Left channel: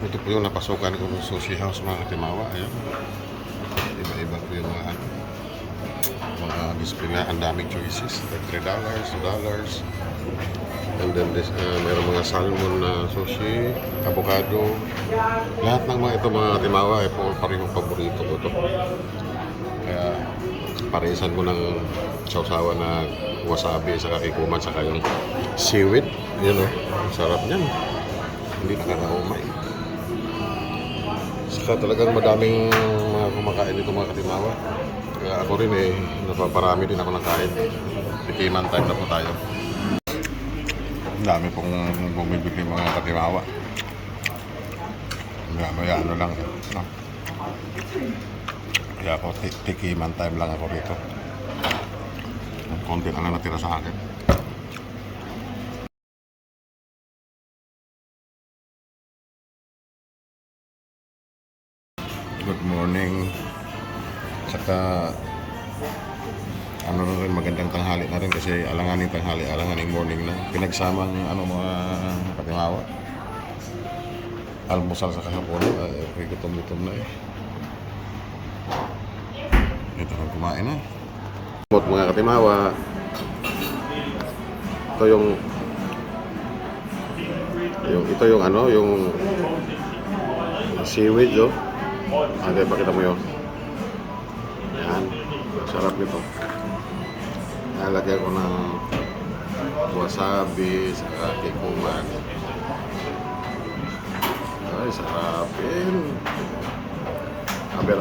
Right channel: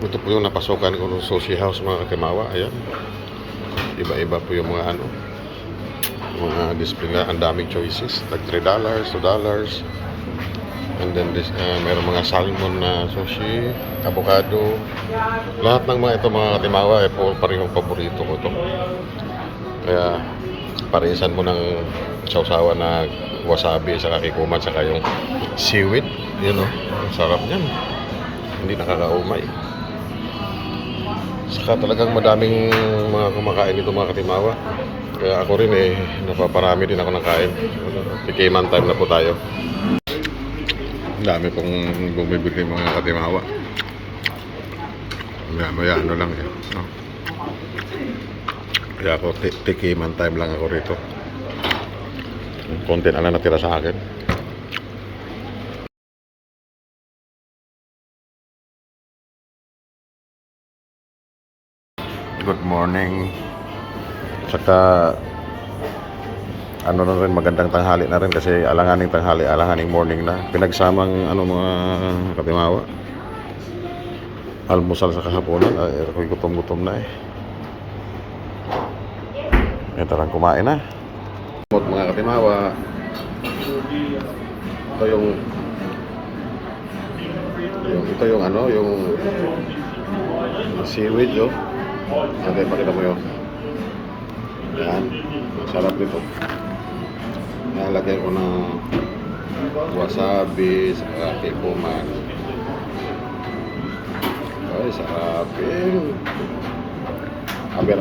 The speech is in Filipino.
Ito po yung napasukan ko ng sushi house mga katimawa. Ayan. Iba-iba po yung mga ano. Mga display na. Ang daming choices. Tag $3, $2. And then this, mayroon mga salmon na sushi, avocado. Lahat ng mga ito mga katimawa ay po parehong paborito ko ito. Kaya parisan mo ng sausawan na wasabi sa kakikuman saka yung seaweed. Yun o. Ang sarap niyan. Hindi nakakaumay. Saka talagang madaming mga kumakain dito mga katimawa. Kaya ako rin napaparami din ako ng kain. Tikiman time na po tayo. Ang dami pong bumibili mga katimawa. Maya ano lang no? Kaya ako tikiman time lang ako rito. Konti na lang natira sa akin. Good morning. Saka ano na rin, magandang tanghali na rin kasi alanganing tanghali, alanganing morning na. Pinagsamang ano mga katimawa. Almusal sa kahaponan. Ay, ako'y gutom-gutom na tarang kumain na. Mga katimawa. Ito yung ano, yung seaweed oh. Okay, pakita mo yun. Ayan. Sarap nito. Nalagay ko ng wasabi sa kakikuman. Ay, sarapin. Aber.